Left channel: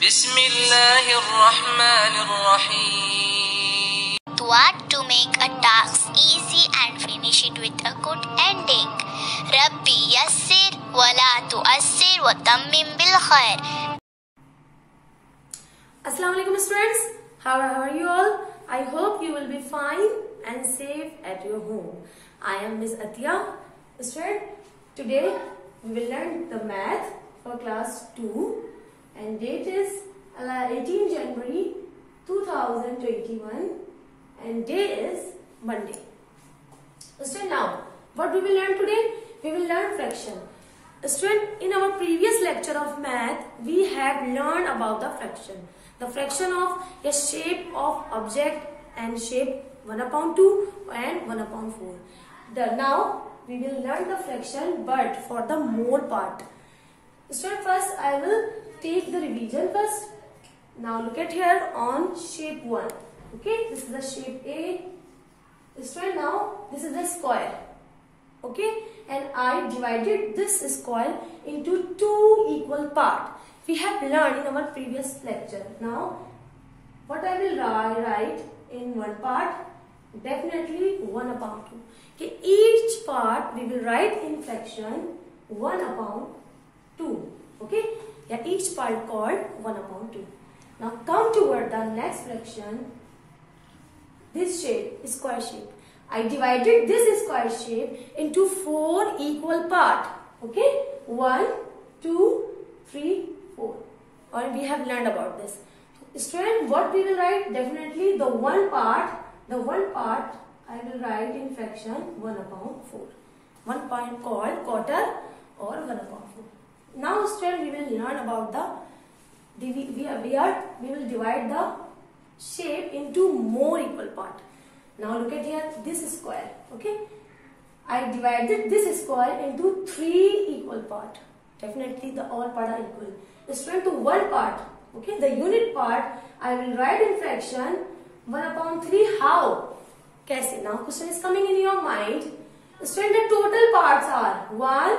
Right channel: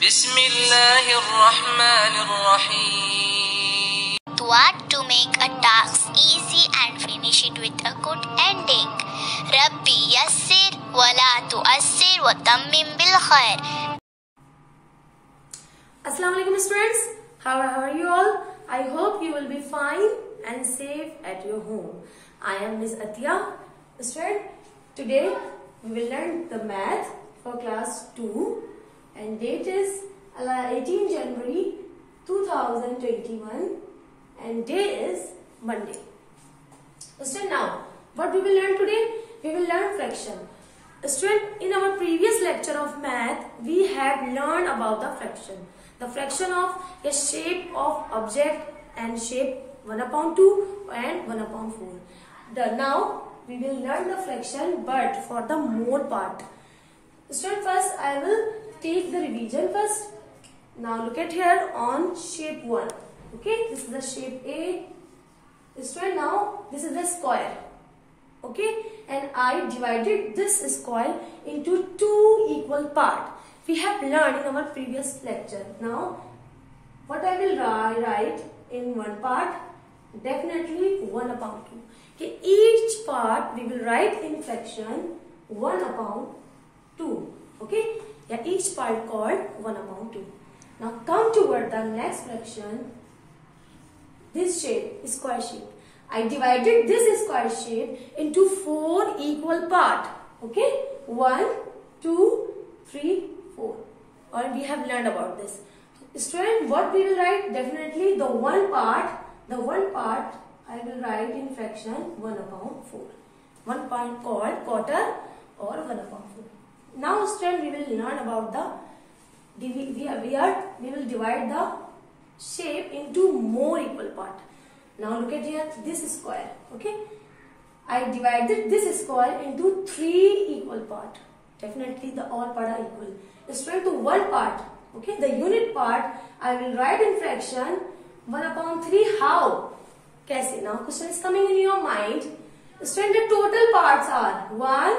Bismillahirrahmanirrahim. What to make a task easy and finish it with a good ending. Rabbi yassir wa la tu'assir wa tammim bil khair. Assalamu alaikum students. How are you all? I hope you will be fine and safe at your home. I am Miss Atiya. Student, today we will learn the math for class 2 and date is 18 January 2021 and day is Monday. Student, now what we will learn today? We will learn fraction. Student, in our previous lecture of math, we have learned about the fraction. The fraction of a shape of object and shape 1/2 and 1/4. Now we will learn the fraction but for the more part. Student, first I will take the revision first. Now look at here on shape 1. Okay, this is the shape A. Student, now this is the square. Okay, and I divided this square into 2 equal parts. We have learned in our previous lecture. Now what I will write in one part, definitely 1/2. Okay, each part we will write in fraction 1/2. Okay, yeah, each part called 1/2. Now come toward the next fraction. This shape is square shape. I divided this square shape into 4 equal parts. Okay, 1, 2, 3, 4. Or we have learned about this. Student, what we will write? Definitely the one part I will write in fraction 1/4. One part called quarter or 1/4. Now student, we will learn about we will divide the shape into more equal part. Now look at here, this square. Okay, I divided this square into 3 equal part. Definitely the all part are equal. Student, to one part. Okay, the unit part I will write in fraction 1/3. How? Kaise? Now question is coming in your mind. Student, the total parts are 1,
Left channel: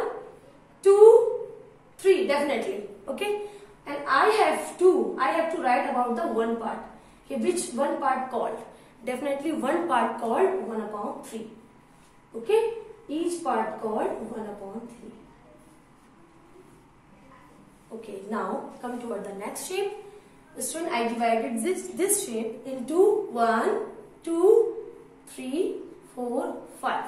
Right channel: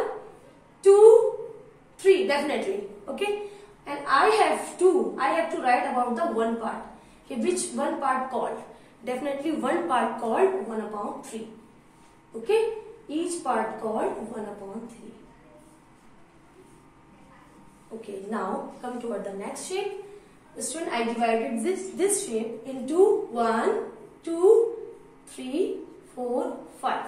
2, 3. Definitely. Okay, and I have to write about the one part. Okay, which one part called? Definitely one part called 1/3. Okay, each part called 1/3. Okay, now come toward the next shape. Student, I divided this shape into 1, 2, 3, 4, 5.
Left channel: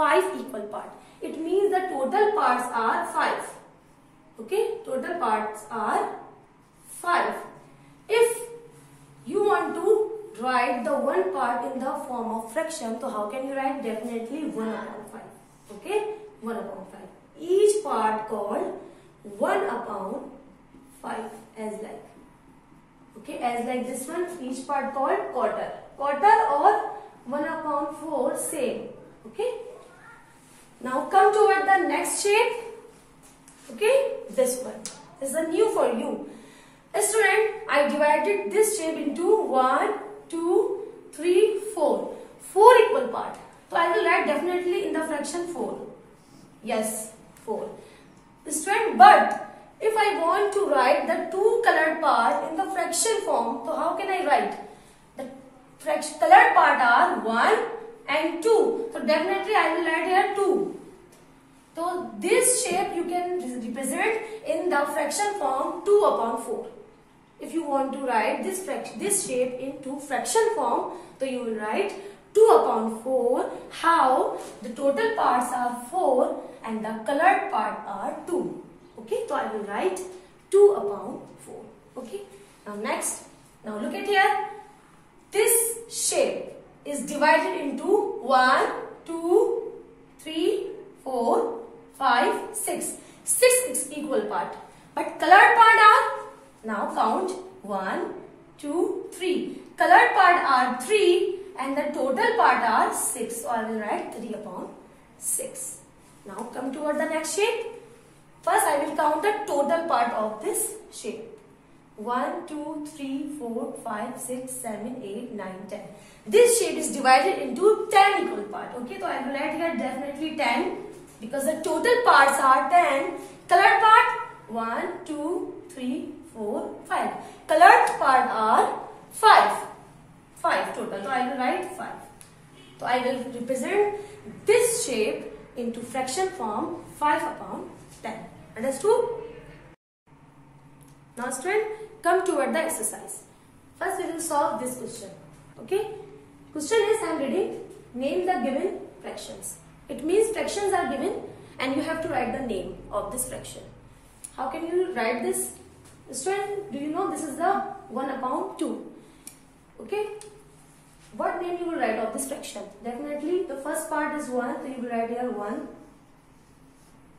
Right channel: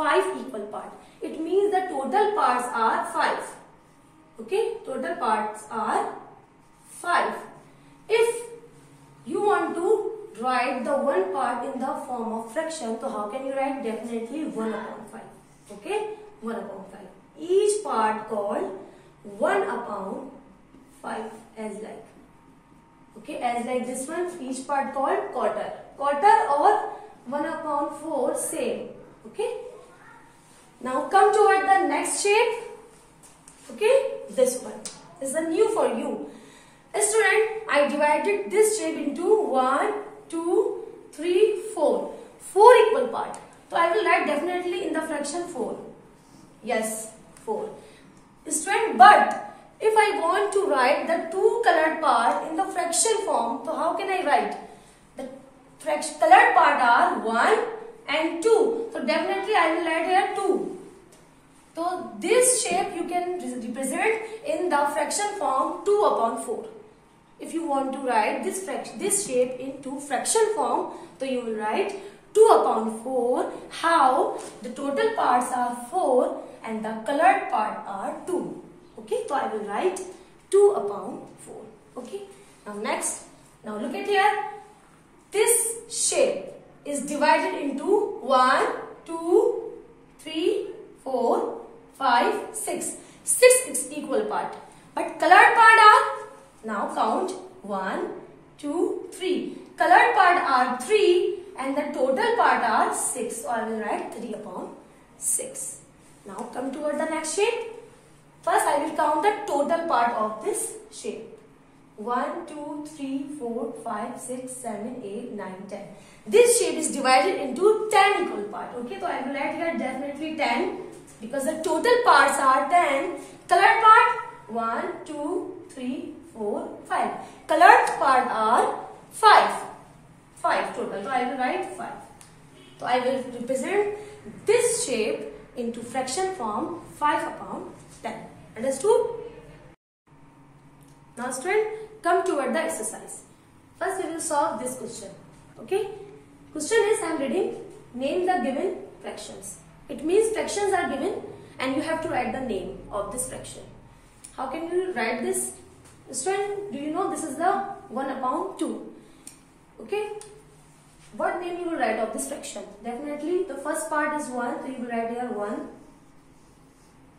5 equal parts. It means the total parts are 5. Okay, total parts are 5. If you want to write the one part in the form of fraction, so how can you write? Definitely 1/5. Okay, 1/5. Each part called 1/5 as like. Okay, as like this one, each part called quarter. Quarter or 1/4 same. Okay. Now come toward the next shape. Okay, this one is the new for you. Student, I divided this shape into 1, 2, 3, 4. 4 equal part. So I will write definitely in the fraction 4. Yes, 4. Student, but if I want to write the 2 colored part in the fraction form, so how can I write? The colored part are 1 and 2. So definitely I will write here 2. So this shape you can represent in the fraction form 2/4. If you want to write this shape into fraction form, so you will write 2/4. How? The total parts are 4 and the colored part are 2. Okay, so I will write 2/4. Okay, now next. Now look at here. This shape is divided into 1, 2, 3, 4, 5, 6. 6 is equal part. But colored part are, now count 1, 2, 3. Colored part are 3 and the total part are 6. So I will write 3/6. Now come toward the next shape. First I will count the total part of this shape. 1, 2, 3, 4, 5, 6, 7, 8, 9, 10. This shape is divided into 10 equal parts. Okay, so I will write here definitely 10 because the total parts are 10. Colored part 1, 2, 3, 4, 5. Colored part are 5. 5 total. So I will write 5. So I will represent this shape into fraction form 5 upon 10. Understood? Now student, come toward the exercise. First we will solve this question. Okay? Question is, I am reading, name the given fractions. It means fractions are given and you have to write the name of this fraction. How can you write this? Student, do you know this is the 1 upon 2? Okay? What name you will write of this fraction? Definitely the first part is 1, so you will write here 1.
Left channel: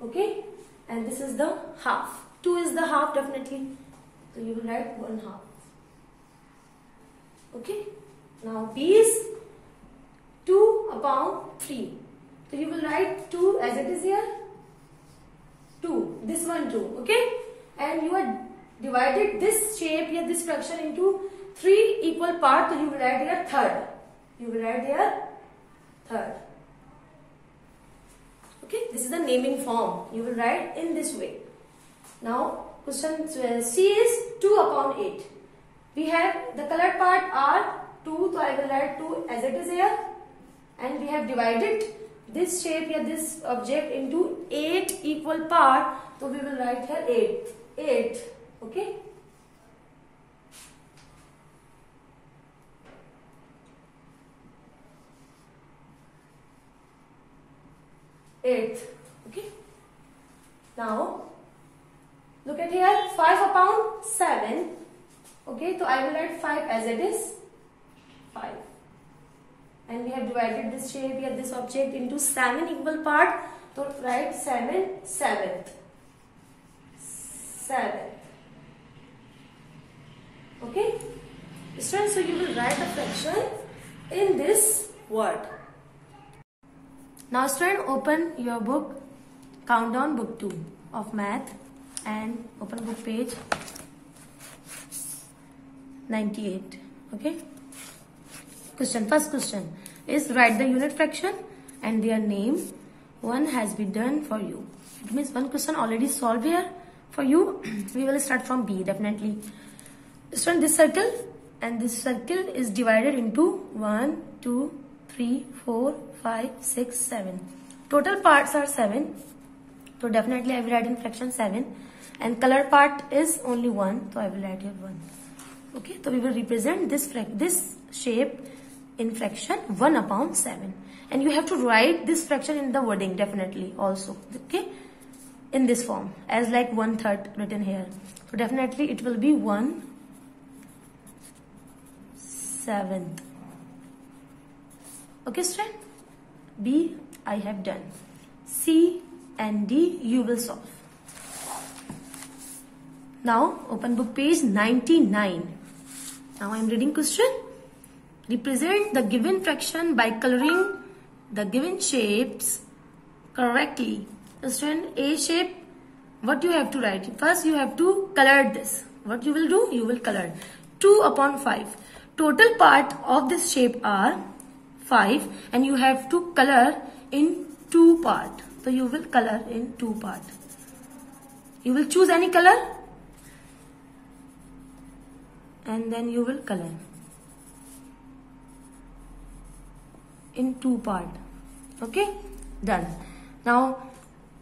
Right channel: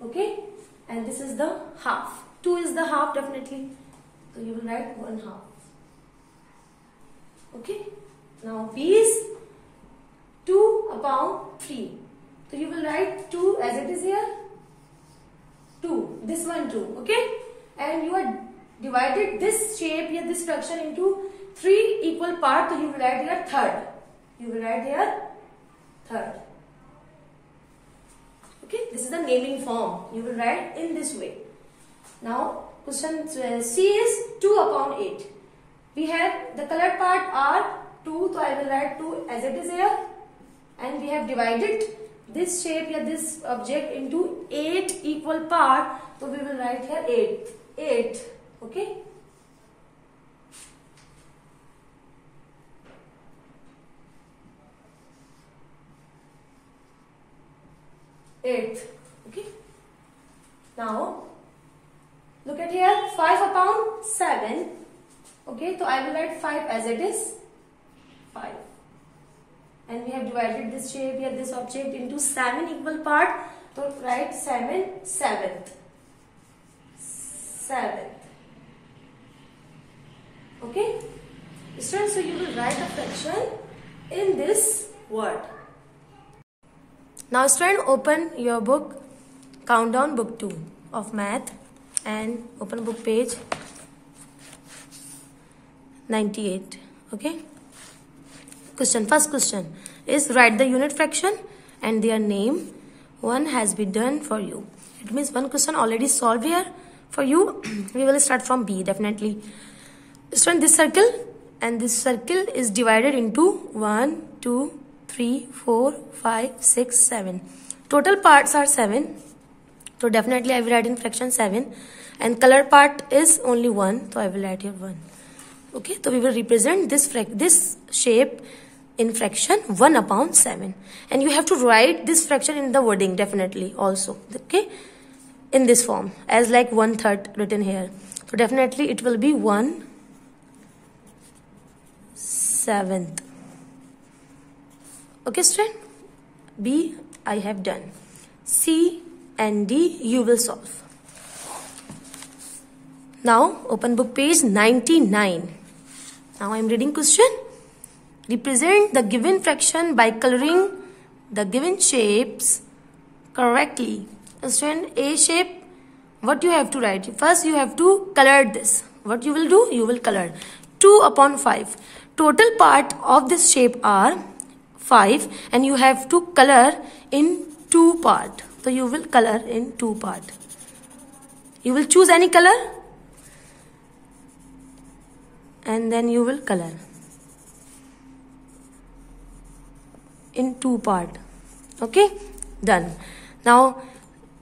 Okay? And this is the half. 2 is the half definitely. So you will write 1 half. Okay? Now B is 2 upon 3. So you will write 2 as it is here. 2. This one 2. Okay? And you are divided this shape here, this fraction into 3 equal parts. So you will write here third. You will write here third. Okay? This is the naming form. You will write in this way. Now question C is 2 upon 8. We have the colored part are 2, so I will write 2 as it is here. And we have divided this shape here, this object into 8 equal parts. So we will write here 8. 8. Okay? Okay? Now look at here, 5 upon 7. Okay, so I will write 5 as it is. 5. And we have divided this shape here, this object into 7 equal parts. So write 7, 7th. 7. Okay? So you will write a fraction in this word. Now student, open your book, Countdown book 2 of math, and open book page 98. Okay? Question, first question is write the unit fraction and their name. One has been done for you. It means one question already solved here for you. We will start from B definitely. Student, this circle and this circle is divided into 1, 2, 3, 4, 5, 6, 7. Total parts are 7. So definitely I will write in fraction 7. And color part is only 1. So I will write here 1. Okay, so we will represent this shape in fraction 1 upon 7. And you have to write this fraction in the wording definitely also. Okay, in this form as like 1/3 written here. So definitely it will be 1/7. Okay student, B I have done. C and D you will solve. Now open book page 99. Now I am reading question. Represent the given fraction by coloring the given shapes correctly. Student, A shape, what you have to write? First you have to color this. What you will do? You will color 2 upon 5. Total part of this shape are 5 and you have to color in 2 parts. So you will color in 2 parts. You will choose any color and then you will color in 2 parts. Okay, done. Now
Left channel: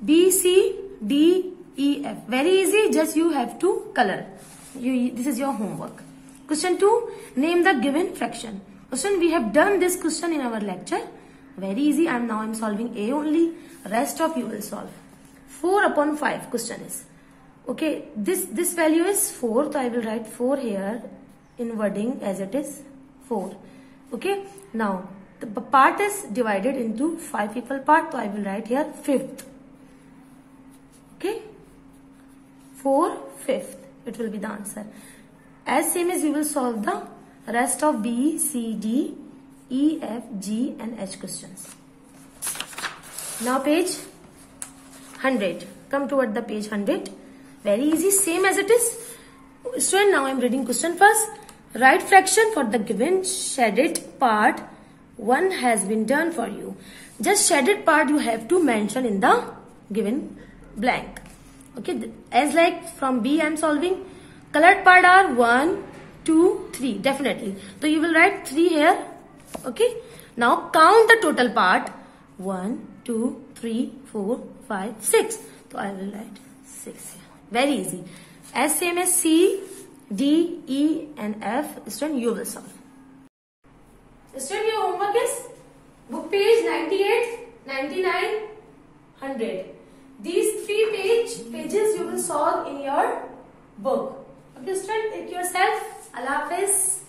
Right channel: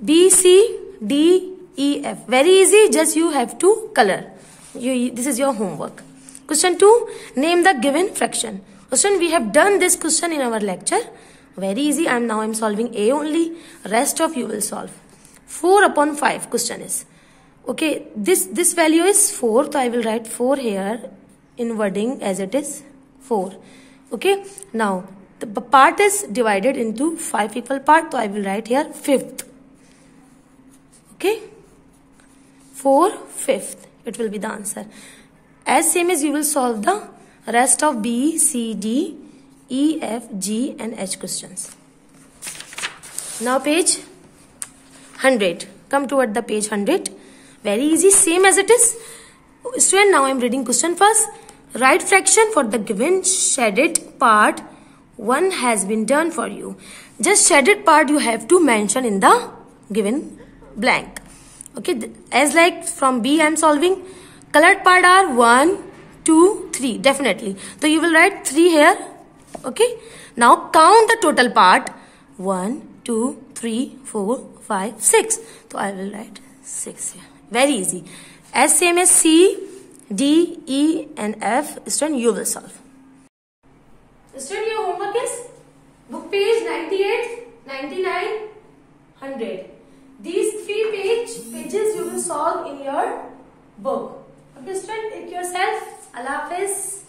B, C, D, E, F. Very easy, just you have to color. This is your homework. Question 2, name the given fraction. Question, we have done this question in our lecture. Very easy. Now I'm solving A only. Rest of you will solve. 4 upon 5 question is. Okay, this value is 4. So I will write 4 here in wording as it is 4. Okay, now the part is divided into 5 equal parts. So I will write here 5th. Okay, 4 5th. It will be the answer. As same as you will solve the rest of B, C, D, E, F, G and H questions. Now page 100. Come toward the page 100. Very easy, same as it is. Student, now I am reading question first. Write fraction for the given shaded part. 1 has been done for you. Just shaded part you have to mention in the given blank. Okay, as like from B I am solving. Colored part are 1, 2, 3. Definitely. So you will write 3 here. Okay. Now count the total part. 1, 2, 3, 4, 5, 6. So I will write 6 here. Very easy. As same as C, D, E and F. Student, you will solve. Student, your homework is book page 98, 99, 100. These 3 pages you will solve in your book. Okay, student, take yourself. Allah Hafiz.